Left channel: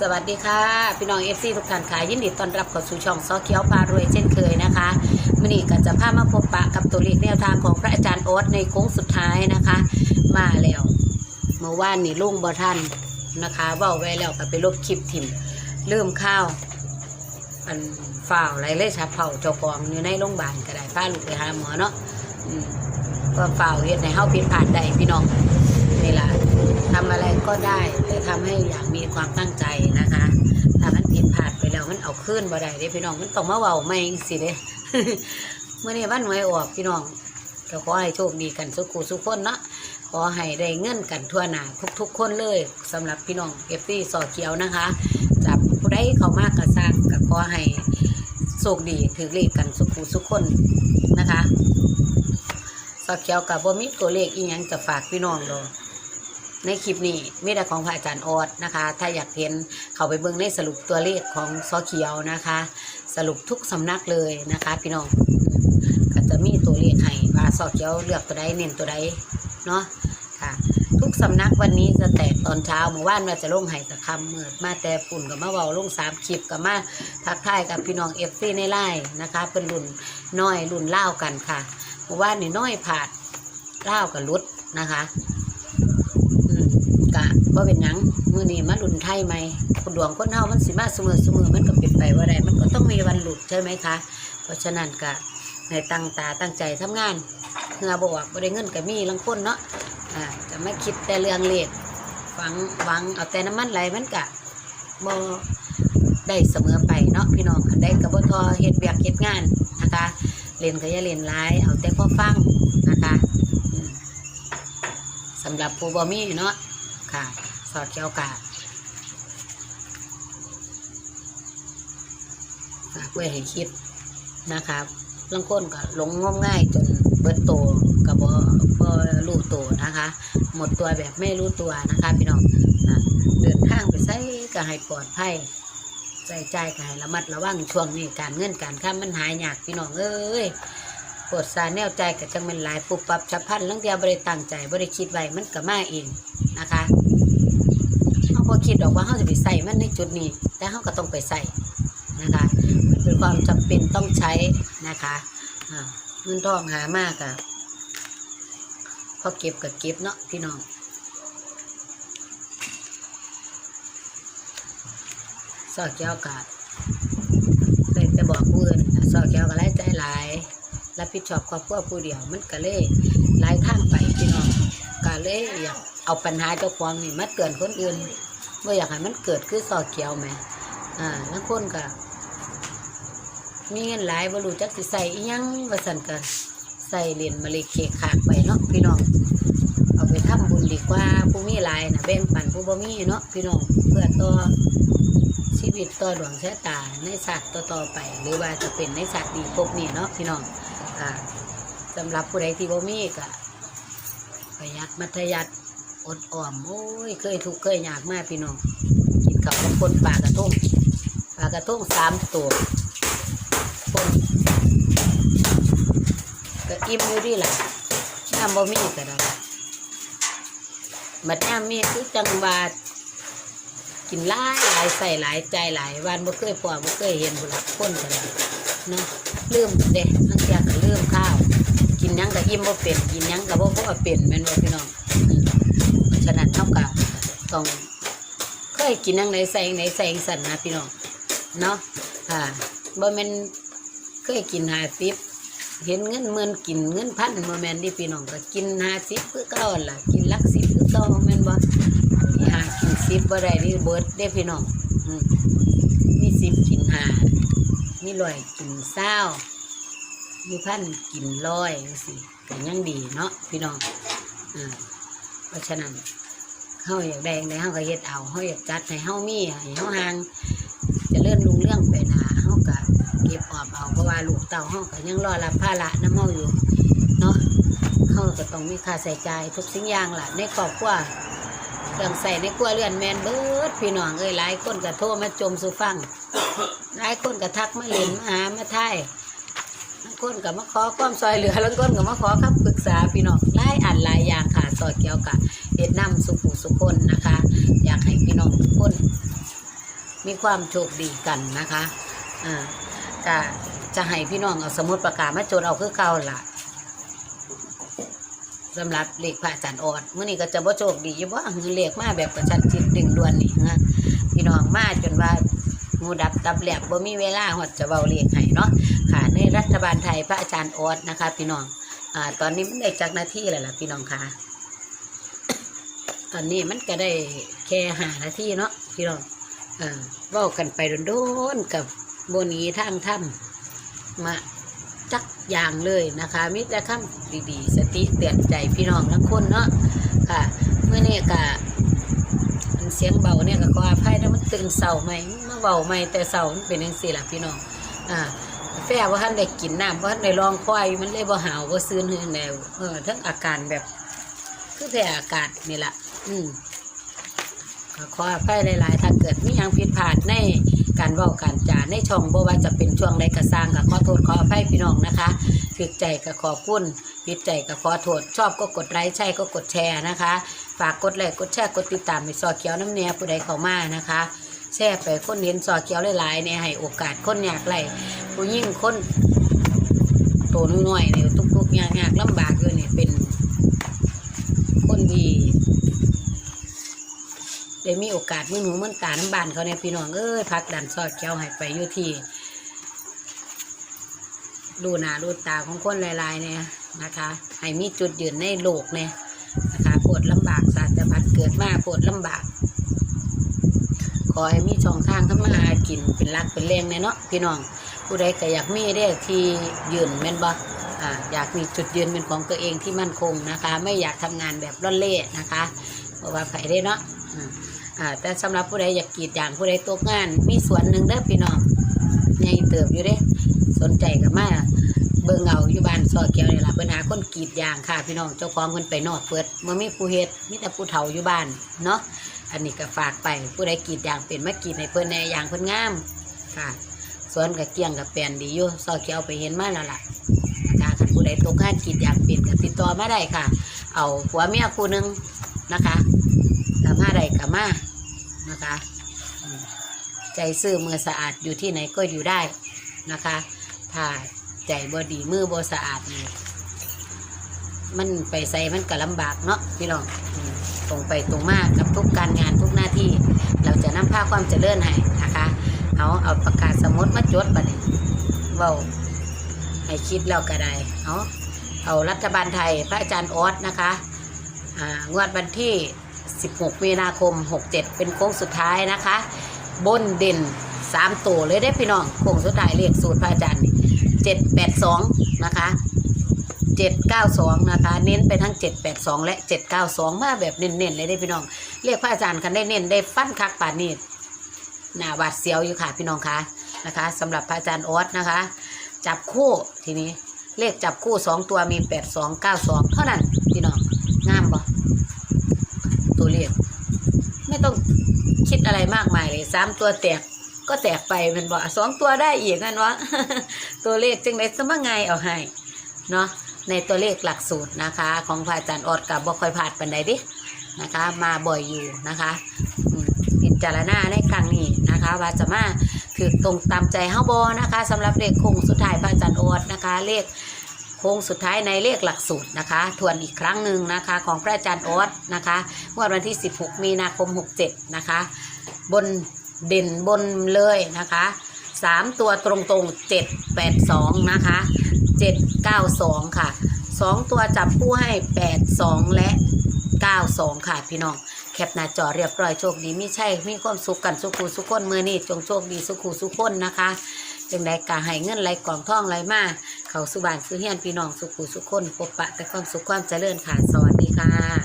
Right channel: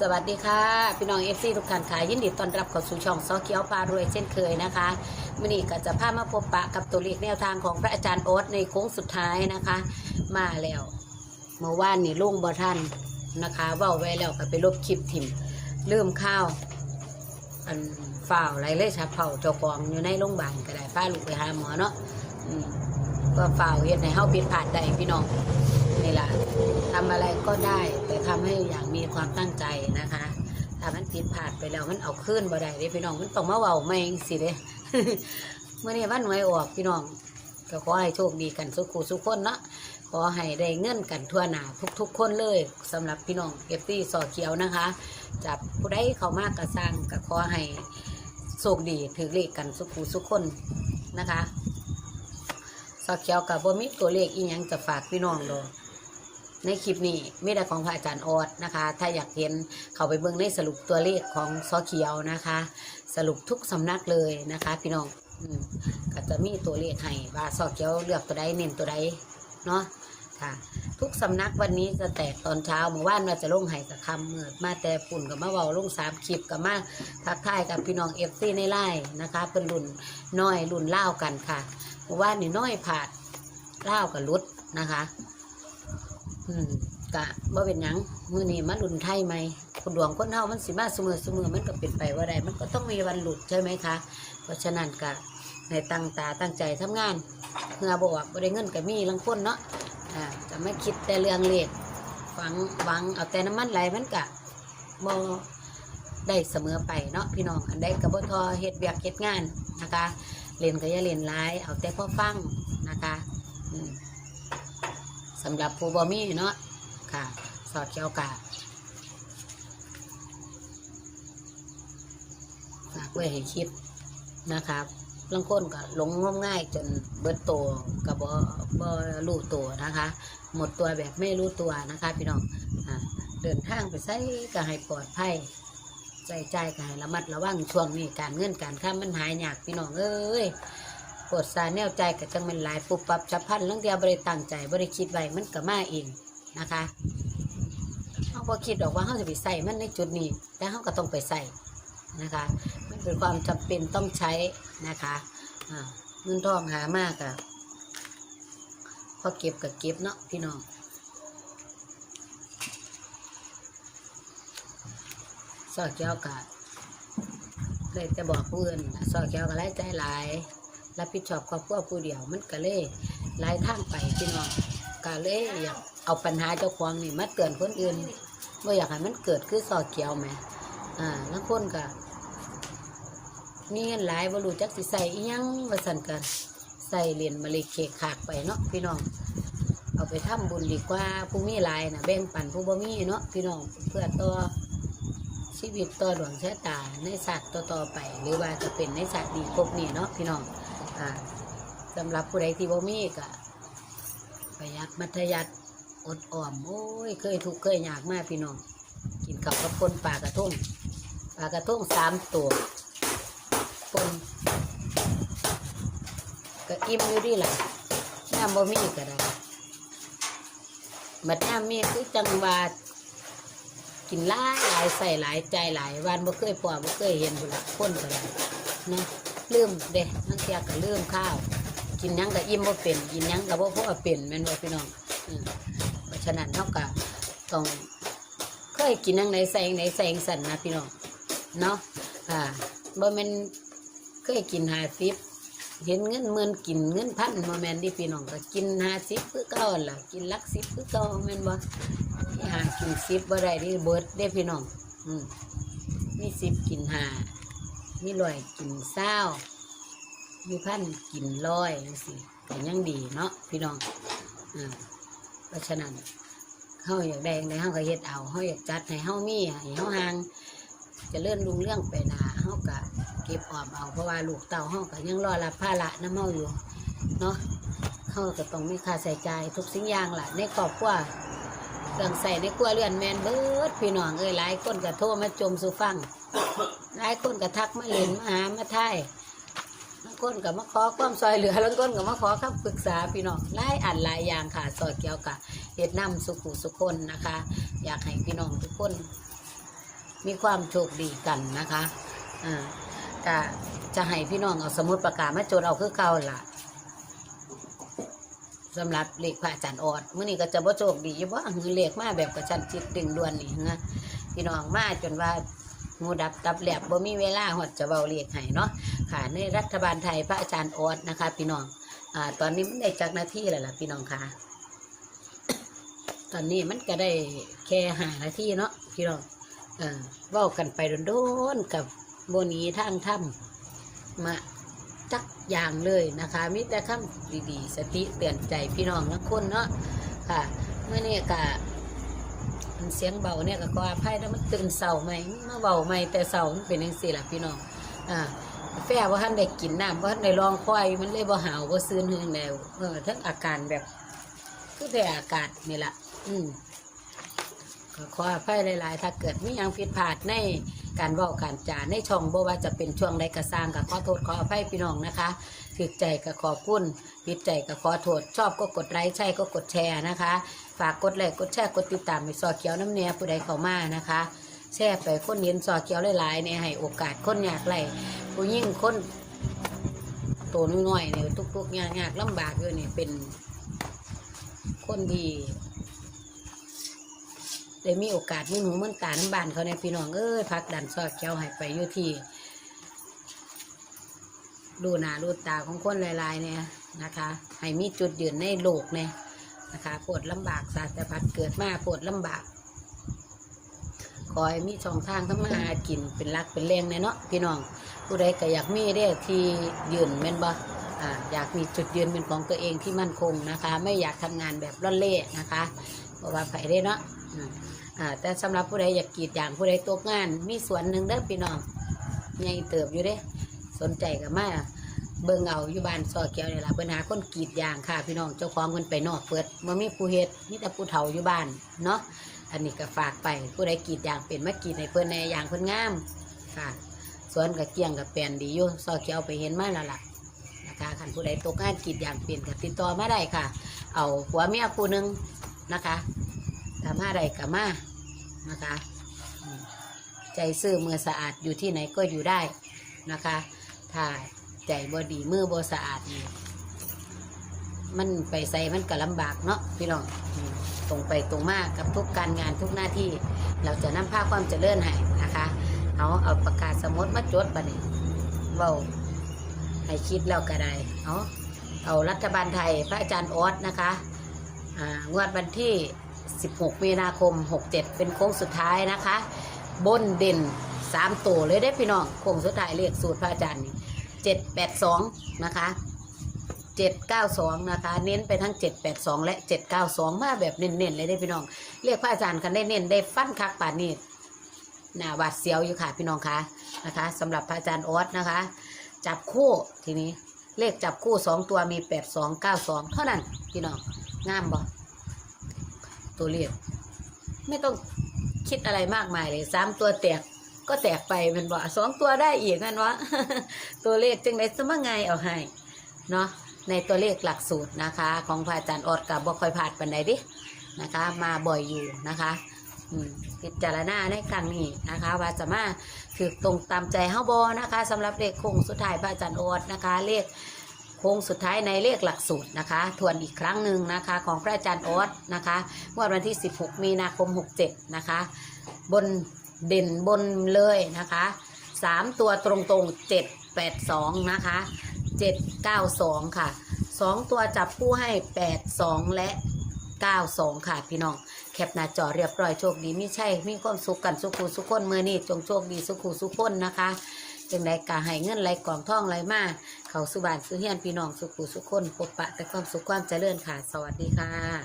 สวัสดีค่ะ พี่น้องเอฟซีทุกท่านค่ะยินดีต้อนรับเข้าสู่ช่องซอเขียวพารวยเช่นเคยนะคะมื่อนี้ก็จะพามาพบปะกับตัวเลขแนวทางของพระอาจารย์โอ๊ตในโค้งสุดท้ายนะคะ มาแล้วเมื่อวานนี่ลุงบอท่านนะคะเว่าไว้แล้วก็ไปลบคลิปถิ่มลืมข้าวอันฝ่าวไรเลยชาเผาเจ้าของอยู่ในโรงพยาบาลก็ได้พาลูกไปหาหมอเนาะก็ฝ่าวเฮ็ดในเฮาผิดพลาดได้พี่น้องเวลา ทำอะไรก็ได้แต่ทำให้อย่างมีความตั้งใจนะคะถ้ามันผิดพลาดไปแล้วมันเอาขึ้นบ่ได้เด้พี่น้องมันต้องมาเว้าใหม่สิเด้เมื่อนี้วันหวยออกพี่น้องก็ขอให้โชคดีกันสุขูสุขคนเนาะขอให้ได้เงินกันทั่วหน้าทุก ๆ คนเลยสำหรับพี่น้องเอฟซีสอเขียวนะคะจับผู้ใดเขามากกระสร้างก็ขอให้โชคดีถือเลขกันสุขูสุขคนนะคะสอเขียวกับบ่มีตัวเลขอีหยังจะฝากพี่น้องดอก ในคลิปนี้มีแต่ของพระอาจารย์ออดนะคะ ถ้าอยากเห็นเขาไปเบิ่งในสรุปตัวเลขของซอเขียวนะคะ สรุปทุกสำนักเลยนะคะ พี่น้องก็จะมีตัวเลขให้ว่าซอเขียวเลือกตัวใดเน้นตัวใดเนาะค่ะ ทุกสำนักวันนี้จะแตกตอนเช้าหมู่บ้านมาจะลงไห้จะคำมืดมาแต่ฝุ่นกับมาเบาลงสามคลิปกับมาทักทายกับพี่น้องเอฟซีในไล่นะคะเป็นรุ่นน้อยรุ่นเล่ากันค่ะหมู่บ้านนี่น้อยผาดเล่ากับรุดนะคะอืมกะว่าเป็นหยังมือนี้มารุ่น ไทยไหมคนดวงคนเฮามันสิมาเสมอเสมอมันก็เป็นไปว่าได้มันก็ต้องมีวันหลุดใช่ไหมคะ เพราะฉะนั้นกะในตั้งตาตั้งใจทำงานเพื่อบอกบ่ได้เงินก็มีลังคนเนาะอ่าจะไม่คิดแต่เรื่องเล็กฟังหวังเอาแต่น้ำมันไหลมันกะบ่ได้เสมอไปเนาะพี่น้องได้กระบทอเฮ็ดเวียกเฮ็ดงานนะคะเรียนก็อย่าเรียนหลายเอาแต่พอฟังนะคะสำหรับผู้บ่มีเนาะค่ะ สอดเขียวกะฝาก ไว้ให้คิดนะคะบางคนก็หลงงมง่ายจนเบิดโตกับบ่บ่รู้ตัวนะคะ หมดตัวแบบไม่รู้ตัวนะคะพี่น้องเดินทางไปใส่ก็ให้ปลอดภัยใส่ใจก็ให้ระมัดระวังช่วงนี้การเงินการค้ามันหายยากพี่น้องเอ้ยปวดสาแนวใจก็จังเป็นหลายปุบปับฉับพันลังเดียวบริตั้งใจบริคิดไว้มันก็มาเองนะคะเขาพอคิดออกว่าเขาจะไปใส่มันในจุดนี้แต่เขาก็ต้องไปใส่นะคะ ความจำเป็นต้องใช้นะคะอ่าเงินทองหามากอะพอเก็บกับเก็บเนาะพี่น้องซอกเจ้ากะเลยจะบอกผู้อื่นซอกเจ้าก็ไล่ใจหลายรับผิดชอบครอบครัวผู้เดียวมันก็เลยหลายทางไปพี่น้องก็เลยอยากเอาปัญหาเจ้าของนี่มาเตือนคนอื่นว่าอยากให้มันเกิดคือซอกเกียวไหมอ่าบางคนก็ มีเงินหลายบ่รู้จักสิใส่อีหยังว่าสั่นกันใส่เหรียญมาเลยเกะขากไปเนาะพี่น้องเอาไปทำบุญดีกว่าผู้มีหลายนะแบ่งปันผู้บ่มีเนาะพี่น้องเพื่อต่อชีวิตต่อดวงชะตาในสัตว์ต่อๆไป หรือว่าจะเป็นในสัตว์ดีพวกนี้เนาะพี่น้องอ่าสำหรับผู้ใดที่บ่มีก็ประหยัดมัธยัดอดออมโอ้ยเคยทุกข์เคยยากมากพี่น้องกินข้าวกับคนปลากระทงปลากระทงสามตัวคน ก็อิ่มเลยดิล่ะน้ำบ่มีก็ได้บัดน้ำมีคือจังหวากินหลายหลายใส่หลายใจหลายวันบ่เคยพอบ่เคยเห็นบุรักคนก็ได้เนาะลืมเด้ทั้งอยาก็ลืมข้าว กินยังก็อิ่มบ่เป็นกินยังก็บ่พอเป็นแม่นบ่พี่น้องฉะนั้นเฮาก็ต้องเคยกินยังไหนใส่ไหนใส่สั่นนะพี่น้องเนาะอ่าบ่แม่นเคยกินหาสิบ เห็นเงินหมื่นกินเงินพันโมแมนที่พี่น้องก็กินหาสิบเพื่อเก่าล่ะกินลักสิบคือเก่าแมนบ่ที่หากินสิบบ่ได้นี่เบิร์ดได้พี่น้องอืมมีสิบกินหามีร้อยกินเศร้ามีพันกินร้อยสิก็ยังดีเนาะพี่น้องเพราะฉะนั้นเฮาอยากได้ในเฮาก็เฮ็ดเอาเฮาอยากจัดให้เฮามีให้เฮาหาง ลูกเต่าเฮาก็ยังรอรับภาระน้ำเฮาอยู่เนาะเฮาก็ต้องมีค่าใช้จ่ายทุกสิ่งอย่างล่ะในครอบครัวเรื่องใส่ในครัวเรือนแมนเบิดพี่น้องเอ้ยหลายคนก็โทรมาจมสู่ฟังหลายคนก็ทักมาหลินมาหามาทยบางคนก็มาขอความซอยเหลือบางคนก็มาขอคำปรึกษาพี่น้องหลายอันหลายอย่างค่ะซอเกี่ยวกับเฮ็ดน้ำสุขุสุคนนะคะ อยากให้พี่น้องทุกคน มีความโชคดีกันนะคะอ่าก็ จะให้พี่น้องเอาสมุดประกาศมาจดเอาคือเก่าล่ะสำหรับเลขพระอาจารย์ออดมื่อนี้ก็จะบ่โชคดีอยู่ว่าคือเลขมาแบบกระชันจิตดึงด่วนนี่นะพี่น้องมาจนว่าหมูดับตับแหลกบ่มีเวลาหอดจะเว้าเลขให้เนาะค่ะในรัฐบาลไทยพระอาจารย์ออดนะคะ พี่น้องอ่าตอนนี้มันได้จักหน้าที่แล้วล่ะพี่น้องค่ะ ตอนนี้มันก็ได้แค่หาหน้าที่เนาะพี่น้องเออว้ากันไปโดนๆกับโบนีทางถ้ำ มาจักอย่างเลยนะคะมิตรคำดีๆ สติเตือนใจพี่น้องทั้งคนเนาะค่ะเมื่อนี้ก็เสียงเบาเนี่ยก็ขออภัยนะมันตื่นเศร้าไหมเมื่อเบาไหมแต่เศร้ามันเป็นยังสี่ล่ะพี่น้องอ่าแฟว่าท่านได้กินน้ำว่าท่านได้ลองควายมันเลยบ่หาวบ่ซื้อเนื้อแนวเออทั้งอาการแบบคือแต่อากาศนี่แหละอืมขออภัยหลายๆ ถ้าเกิดมีหยังผิดพลาดใน การเว้าการจาในช่องบ่ว่าจะเป็นช่วงใดก็สร้างก็ขอโทษขออภัยพี่น้องนะคะถึกใจก็ขอบคุณผิดใจก็ขอโทษชอบก็กดไลค์ใช่ก็กดแชร์นะคะ ฝากกดไลค์กดแชร์กดติดตามในซอเขียวน้ำเนียผู้ใดเข้ามานะคะแชร์ไปคนเห็นซอเขียวหลายๆเนี่ยให้โอกาสคนอยากไล่ผู้ยิ่งคนโตน้อยๆเนี่ยทุกๆยากๆลำบากอยู่นี่เป็น คนดี ได้มีโอกาสมือหนูมือตาน้ำบานเขาในยพี่น้องเอ้ยพักดันซอดเขียวให้ไปอยู่ที่ดูหน้าดูตาของคนหลายๆเนี่ยนะคะ ให้มีจุดยืนในโลกเนี่ยนะคะปวดลำบากศาสตร์พัดเกิดมาปวดลำบาก ขอให้มีช่องทางทำมาหากินเป็นรักเป็นแรงในเนาะพี่น้องผู้ใดก็อยากมีได้ที่ยืนแม่นบ่ออยากมีจุดยืนเป็นของตัวเองที่มั่นคงนะคะ ไม่อยากทำงานแบบร่อนเล่นะคะเพราะว่าใครได้เนาะ อ่าแต่สำหรับผู้ใดอยากกรีดอย่างผู้ใดตกงาน มีสวนหนึ่งเด้อพี่น้องใหญ่เติบอยู่เด้สนใจก็มาเบิ่งเอาอยู่บ้านซอเกียวนี่ล่ะเพิ่นหาคนกรีดยางค่ะพี่น้องเจ้าของเพิ่นไปนอกเปิดบ่มีผู้เฮ็ดมีแต่ผู้เฒ่าอยู่บ้านเนาะอันนี้ก็ฝากไปผู้ใดกรีดยางเป็นมากรีดให้เพิ่นในยางเพิ่นงามค่ะสวนกับเกียงกับแปลนดีอยู่ซอเกียวไปเห็นมาแล้วล่ะนะคะถ้าผู้ใดตกงานกรีดยางเป็นก็ติดต่อมาได้ค่ะ เอาผัวเมียคู่หนึงนะคะถ้ามาได้ก็มา นะคะ ใจซื่อมือสะอาดอยู่ที่ไหนก็อยู่ได้นะคะ ถ้าใจบ่ดีมือบ่สะอาดนี่มันไปใส่มันก็ลำบากเนาะพี่น้องตรงไปตรงมากกับทุกการงานทุกหน้าที่ เราจะนำพาความเจริญให้นะคะเอาเอาปากกาสมุดมาจดบัดนี้เว้าให้คิดแล้วก็ได้เอาเอารัฐบาลไทยพระอาจารย์ออสนะคะงวดวันที่ 16 มีนาคม 67 เป็นโค้งสุดท้ายนะคะ บนเด่นสามตัวเลยได้พี่น้องโค้งสุดท้ายเรียกสูตรพระอาจารย์นี่เจ็ดแปดสองนะคะเจ็ดเก้าสองนะคะ เน้นไปทั้งเจ็ดแปดสองและเจ็ดเก้าสองมาแบบเน้นๆเลยได้พี่น้องเรียกพระอาจารย์คันได้เน้นได้ฟันคักป่านนี้หน้าหวาดเสียวอยู่ค่ะพี่น้องคะนะคะสำหรับพระอาจารย์ออสนะคะ จับคู่ทีนี้เลขจับคู่สองตัวมีแปดสองเก้าสองเท่านั้นพี่น้องงามบ่ตัวเลขไม่ต้องคิดอะไรมากมายเลย สามตัวแตกก็แตกไปเป็นบ่สองตัวได้อีกนั่นวะตัวเลขจึงได้สมังไงเอาให้เนาะในตัวเลขหลักสูตรนะคะ ของพระอาจารย์อดกับบ่ค่อยพลาดปันใดดินะคะ มาบ่อยอยู่นะคะอืมพิจารณาในครั้งนี้นะคะ ว่าจะมาคือตรงตามใจเฮาบอนะคะสำหรับเลขโค้งสุดท้ายพระอาจารย์อดนะคะ เลขโค้งสุดท้ายในเลขหลักสูตรนะคะ ทวนอีกครั้งหนึ่งนะคะ ของพระอาจารย์ออดนะคะงวดวันที่ 16 มีนาคม 67 นะคะ บน เด่นบนเลยนะคะสามตัวตรงตรงเจ็ดแปดสองนะคะเจ็ดเก้าสองค่ะสองตัวจับคู่ให้แปดสองและเก้าสองค่ะพี่น้องแคปหน้าจอเรียบร้อยโชคดีไม่ใช่มีความสุขกันสุขุสุขคนเมื่อนี้จงโชคดีสุขุสุขคนนะคะจึงได้กาให้เงินไหลกล่องท่องไหลมาเขาสุบานสุเฮียนพี่น้องสุขุสุขคนพบปะแต่ความสุขความเจริญค่ะสวัสดีค่ะ